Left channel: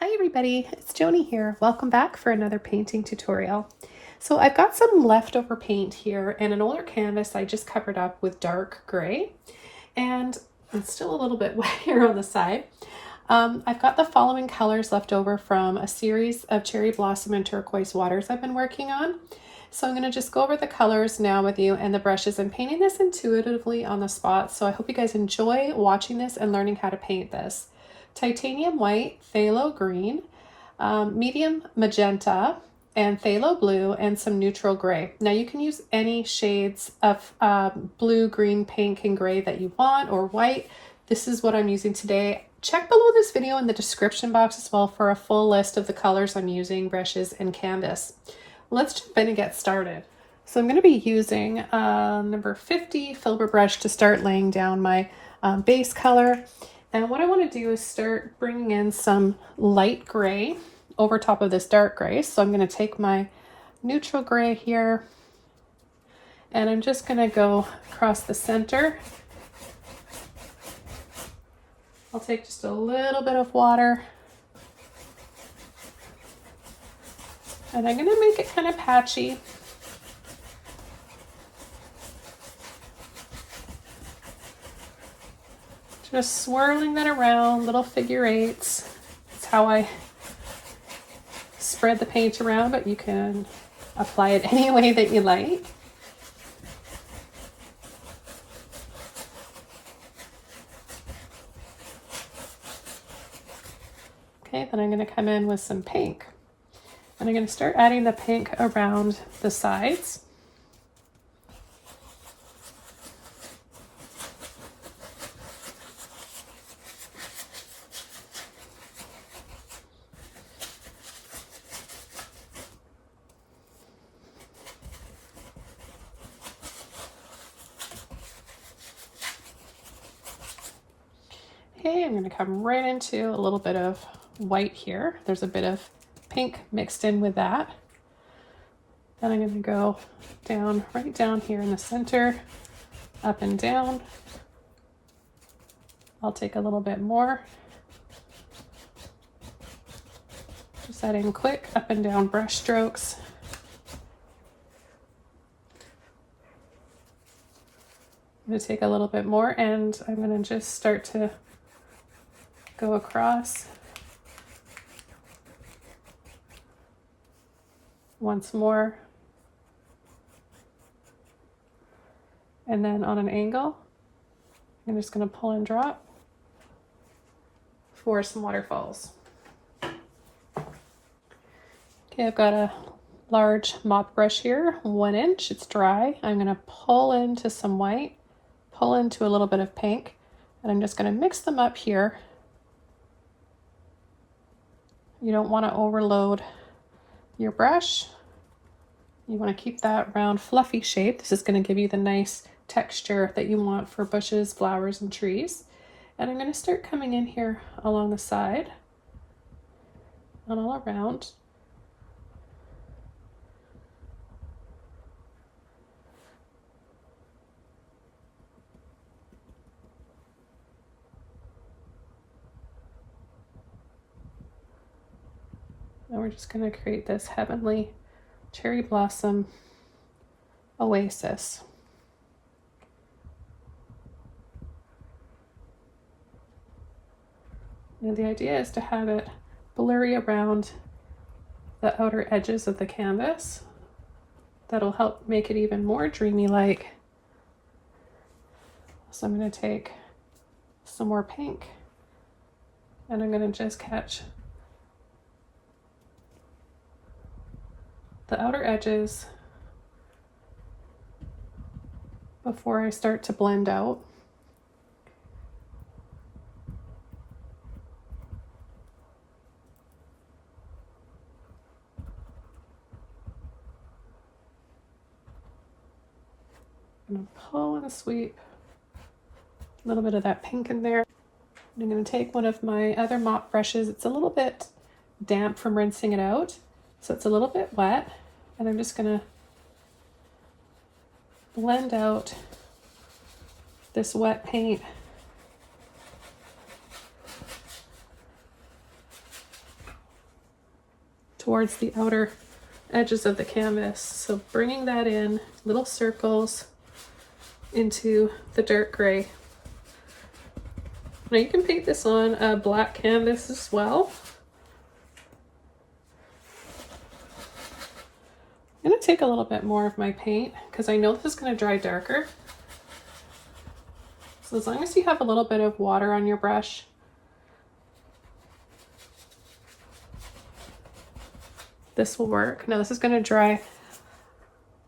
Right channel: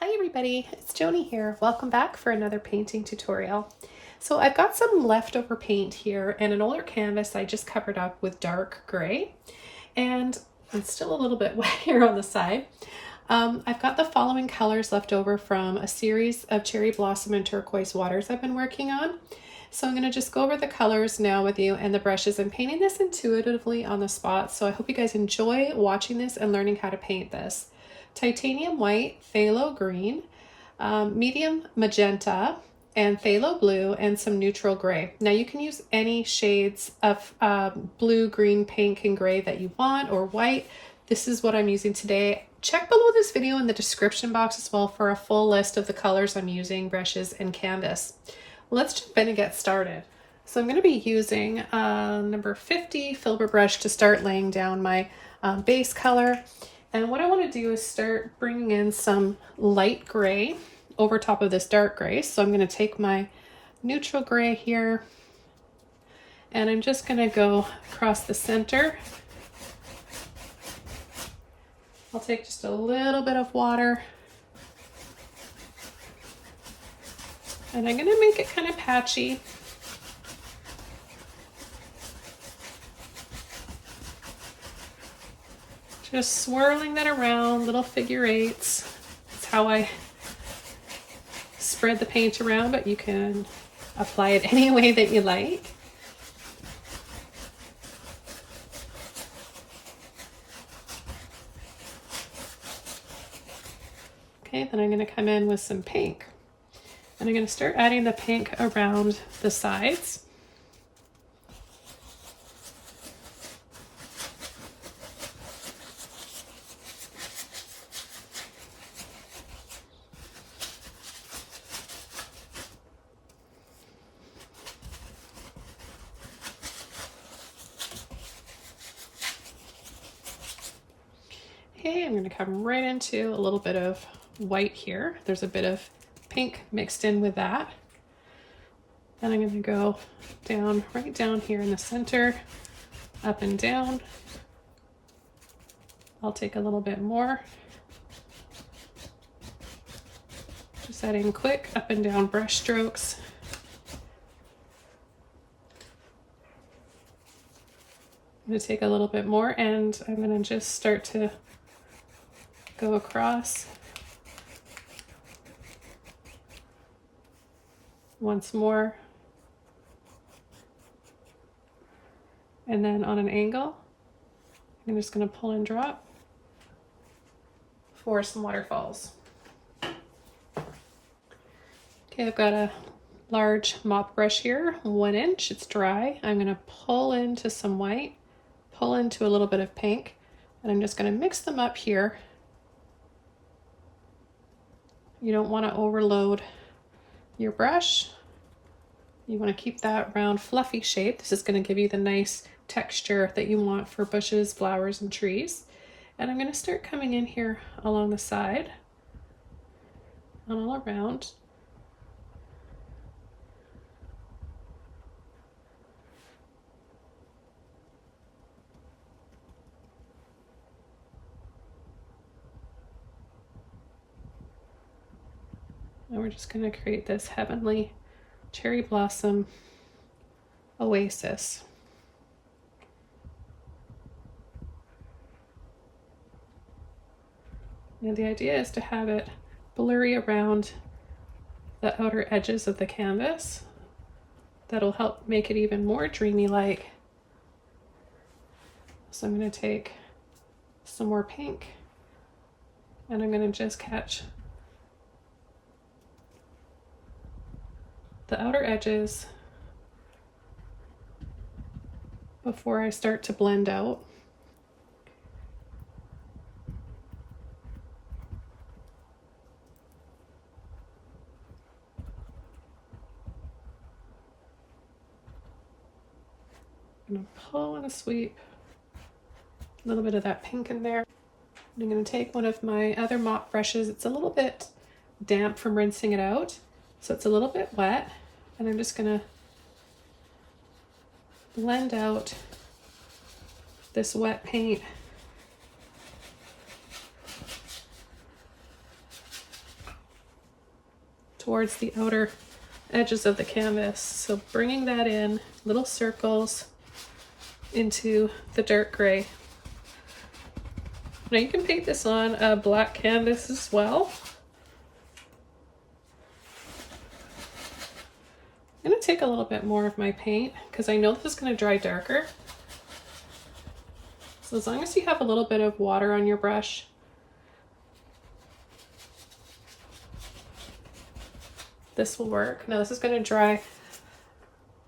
Hi everybody, it's Joni here. Welcome back for another painting tutorial. So I've got some leftover paint here and an older canvas I just covered up with dark gray, and it's still a little bit wet here on the side. I've got the following colors left over from a series of cherry blossom and turquoise waters I've been working on. So I'm going to just go over the colors now with you and the brushes. I'm painting this intuitively on the spot, so I hope you guys enjoy watching this and learning how to paint this. Titanium white, phthalo green, medium magenta, and phthalo blue, and some neutral gray. Now you can use any shades of blue, green, pink, and gray that you want, or white. This is what I'm using today. Check below this video in the description box as well for a full list of the colors I'm using, brushes, and canvas. Let's jump in and get started. So I'm going to be using number 50 filbert brush to start laying down my base color. And what I want to do is start bringing in some light gray over top of this dark gray. So I'm going to take my neutral gray here and I'm just going to go across the center. I'll take just a little bit of water and I'm going to make it kind of patchy. Just swirling that around, little figure eights. That's how I spread the paint around, but you can apply it any way that you like. Okay, then I'm going to come in with some pink. And I'm going to start adding the pink around the sides. Okay, I'm going to come right into a little bit of white here. There's a bit of pink mixed in with that. And I'm going to go down, right down here in the center, up and down. I'll take a little bit more. Just adding quick up and down brush strokes. I'm going to take a little bit more and I'm going to just start to go across once more, and then on an angle I'm just going to pull and drop for some waterfalls. Okay, I've got a large mop brush here, 1 inch, it's dry. I'm going to pull into some white, pull into a little bit of pink, and I'm just going to mix them up here. You don't want to overload your brush. You want to keep that round fluffy shape. This is going to give you the nice texture that you want for bushes, flowers, and trees. And I'm going to start coming in here along the side and all around. And we're just going to create this heavenly cherry blossom oasis. And the idea is to have it blurry around the outer edges of the canvas. That'll help make it even more dreamy-like. So I'm going to take some more pink and I'm going to just catch the outer edges before I start to blend out. I'm going to pull and sweep a little bit of that pink in there. And I'm going to take one of my other mop brushes. It's a little bit damp from rinsing it out, so it's a little bit wet, and I'm just going to blend out this wet paint towards the outer edges of the canvas. So bringing that in, little circles into the dark gray. Now you can paint this on a black canvas as well. I'm going to take a little bit more of my paint because I know this is going to dry darker. So as long as you have a little bit of water on your brush, this will work. Now this is going to dry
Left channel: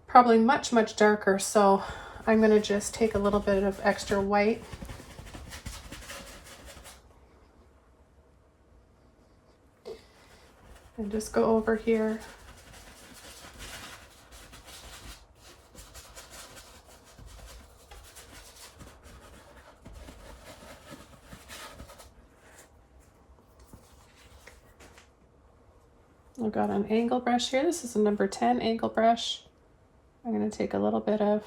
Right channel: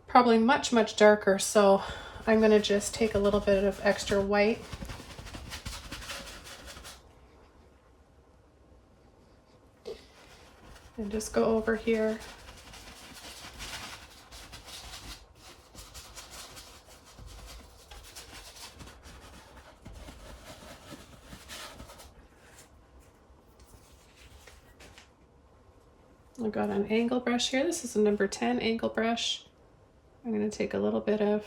probably much, much darker, so I'm going to just take a little bit of extra white. And just go over here. I've got an angle brush here. This is a number 10 angle brush. I'm going to take a little bit of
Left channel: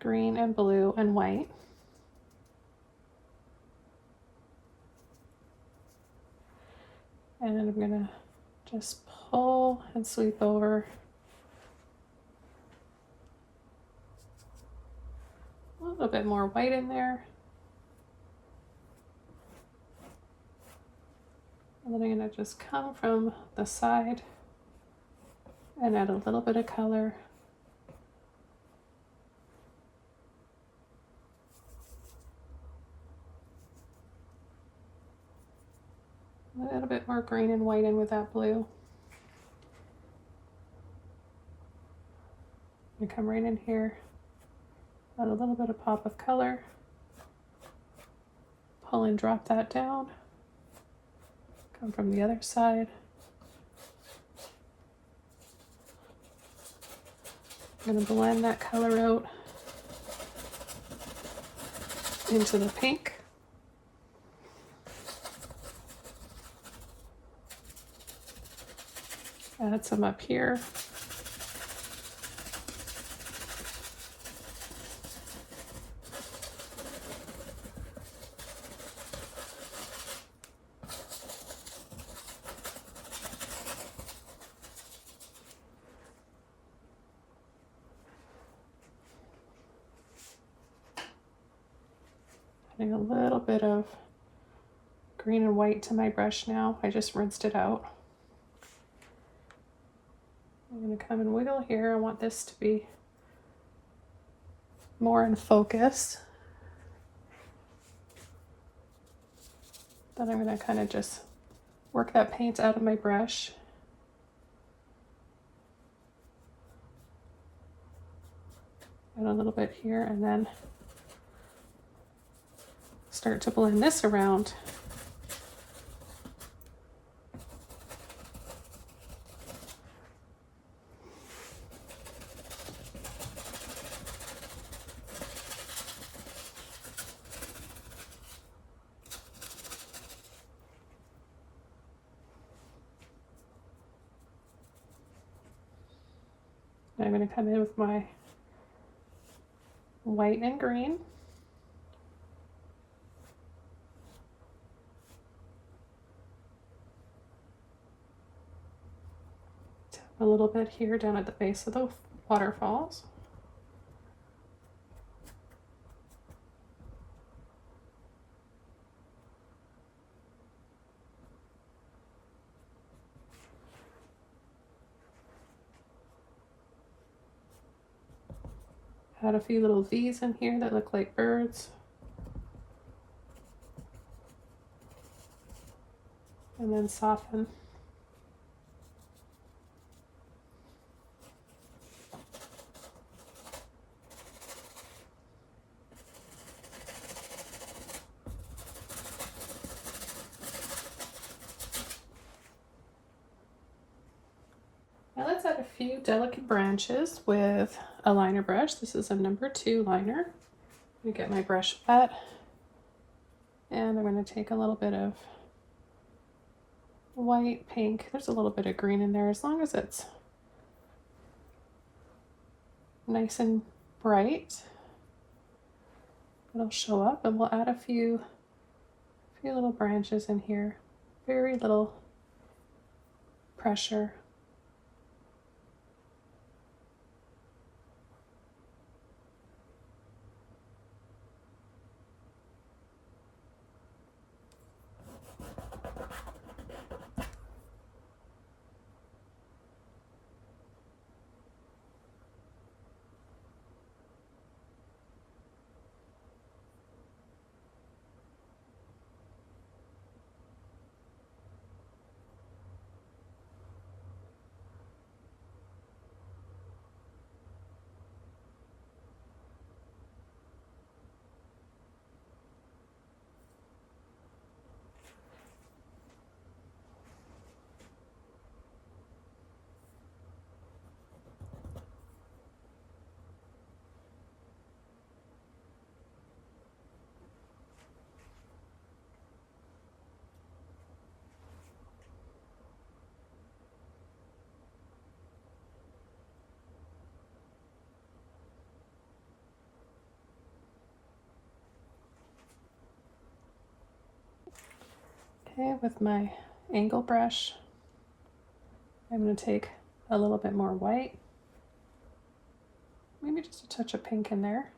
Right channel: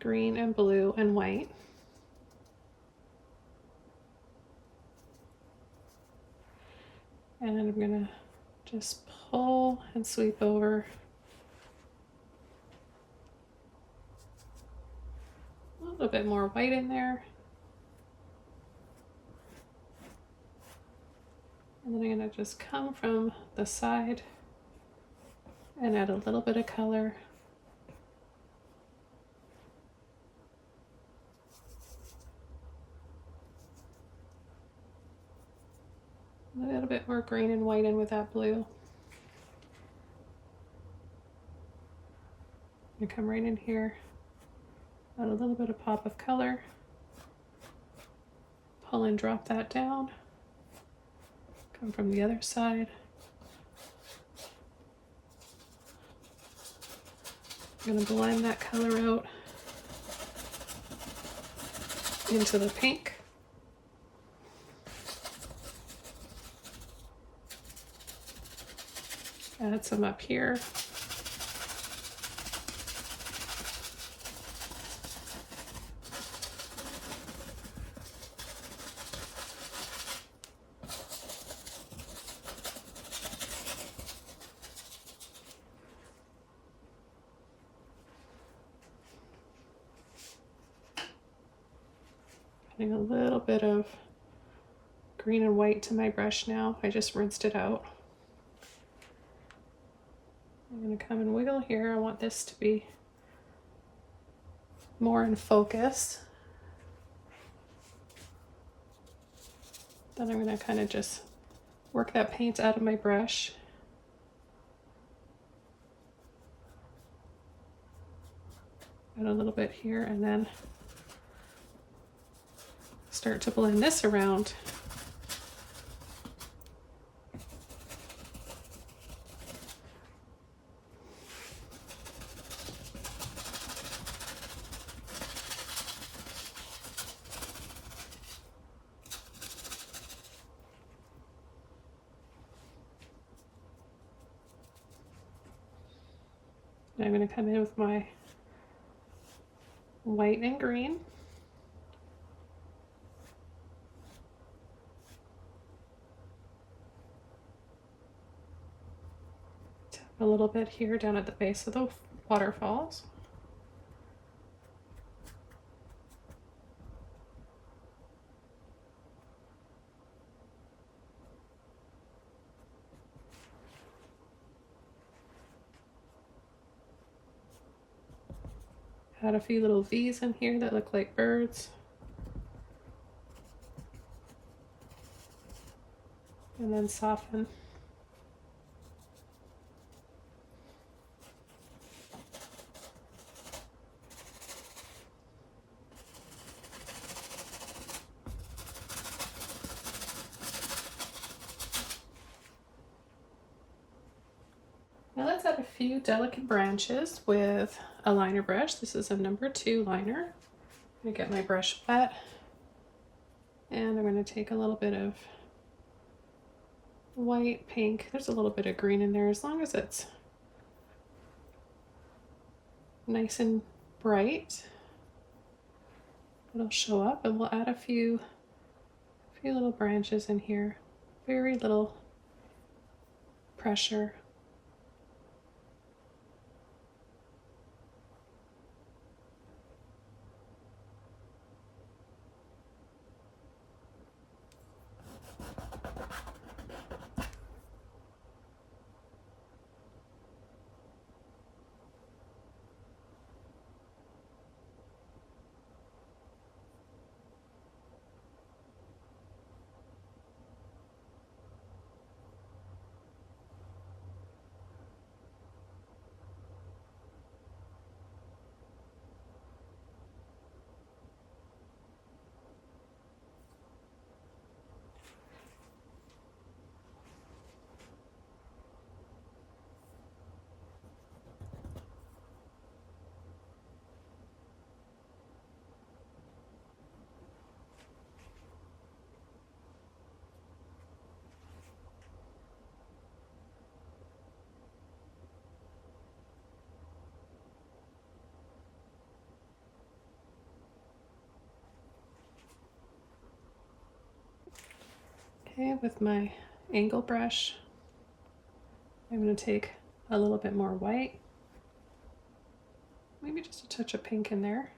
green and blue and white. And I'm going to just pull and sweep over a little bit more white in there. And then I'm going to just come from the side and add a little bit of color. A little bit more green and white in with that blue. And come right in here, add a little bit of pop of color, pull and drop that down. Come from the other side. I'm going to blend that color out into the pink. Add some up here. Adding a little bit of green and white to my brush now. I just rinsed it out. I'm going to come and wiggle here. I want this to be more in focus. Then I'm going to kind of just work that paint out of my brush. Add a little bit here and then start to blend this around. I'm going to come in with my white and green. Tap a little bit here down at the base of the waterfalls. Add a few little V's in here that look like birds. And then soften. Now let's add a few delicate branches with a liner brush. This is a number 2 liner. I'm going to get my brush wet and I'm going to take a little bit of white, pink. There's a little bit of green in there. As long as it's nice and bright, it'll show up, and we'll add a few little branches in here. Very little pressure. Okay, with my angle brush, I'm going to take a little bit more white, maybe just a touch of pink in there.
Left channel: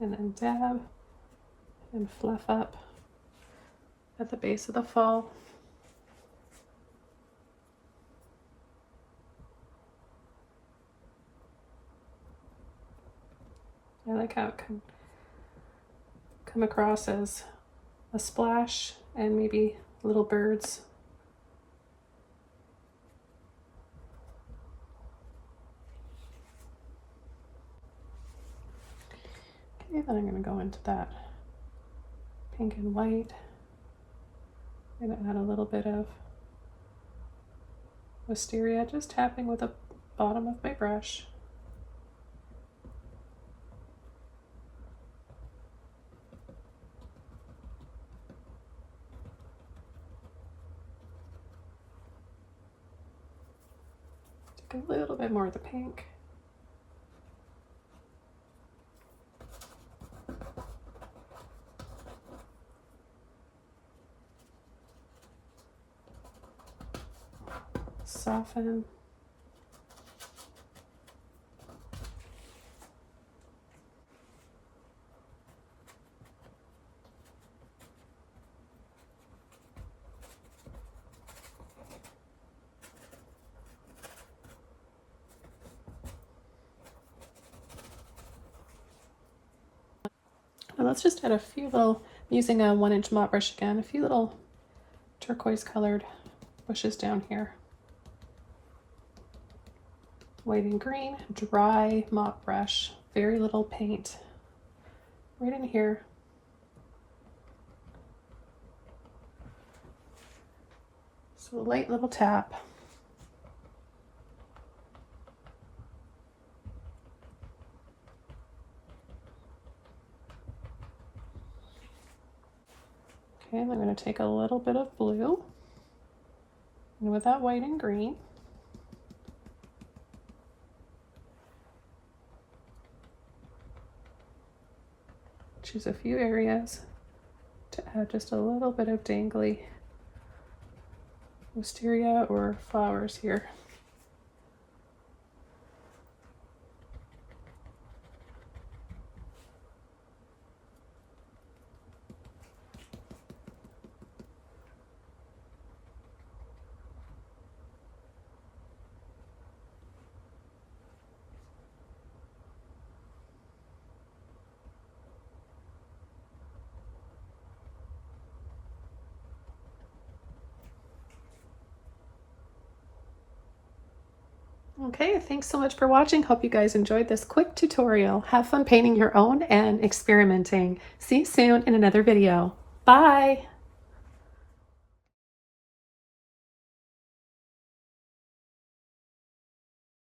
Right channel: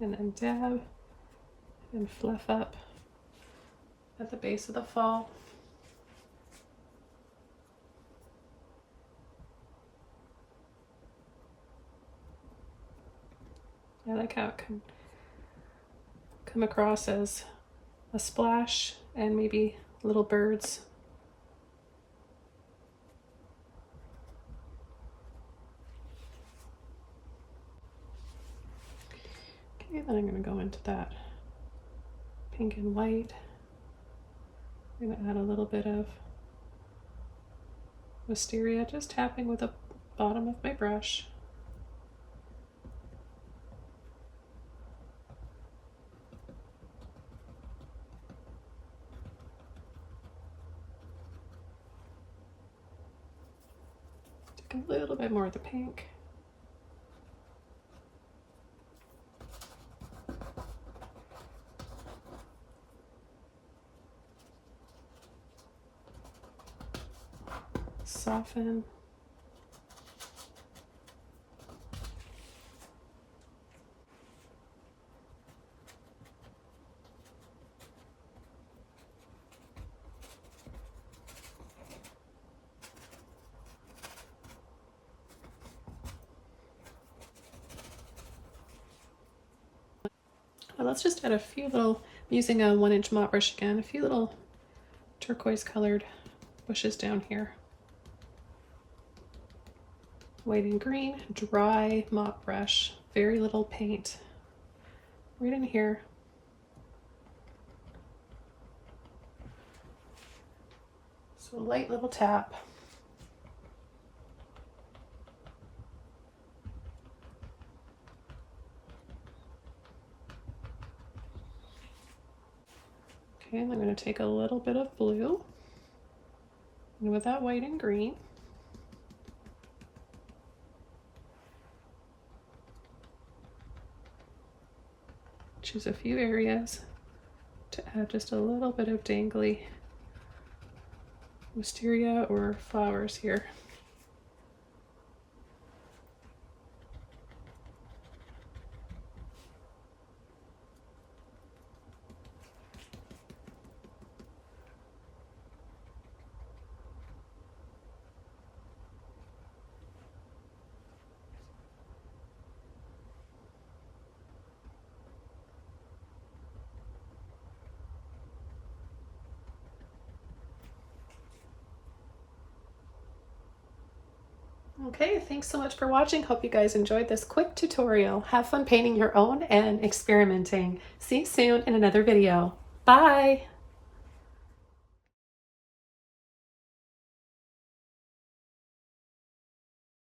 And then dab and fluff up at the base of the fall. I like how it can come across as a splash and maybe little birds. Okay, then I'm going to go into that pink and white. I'm going to add a little bit of wisteria, just tapping with the bottom of my brush. Take a little bit more of the pink. Soften. And let's just add a few little, I'm using a 1-inch mop brush again, a few little turquoise colored bushes down here. White and green, dry mop brush, very little paint. Right in here. So a light little tap. Okay, and I'm going to take a little bit of blue, and with that white and green, choose a few areas to add just a little bit of dangly wisteria or flowers here. Okay, thanks so much for watching. Hope you guys enjoyed this quick tutorial. Have fun painting your own and experimenting. See you soon in another video. Bye!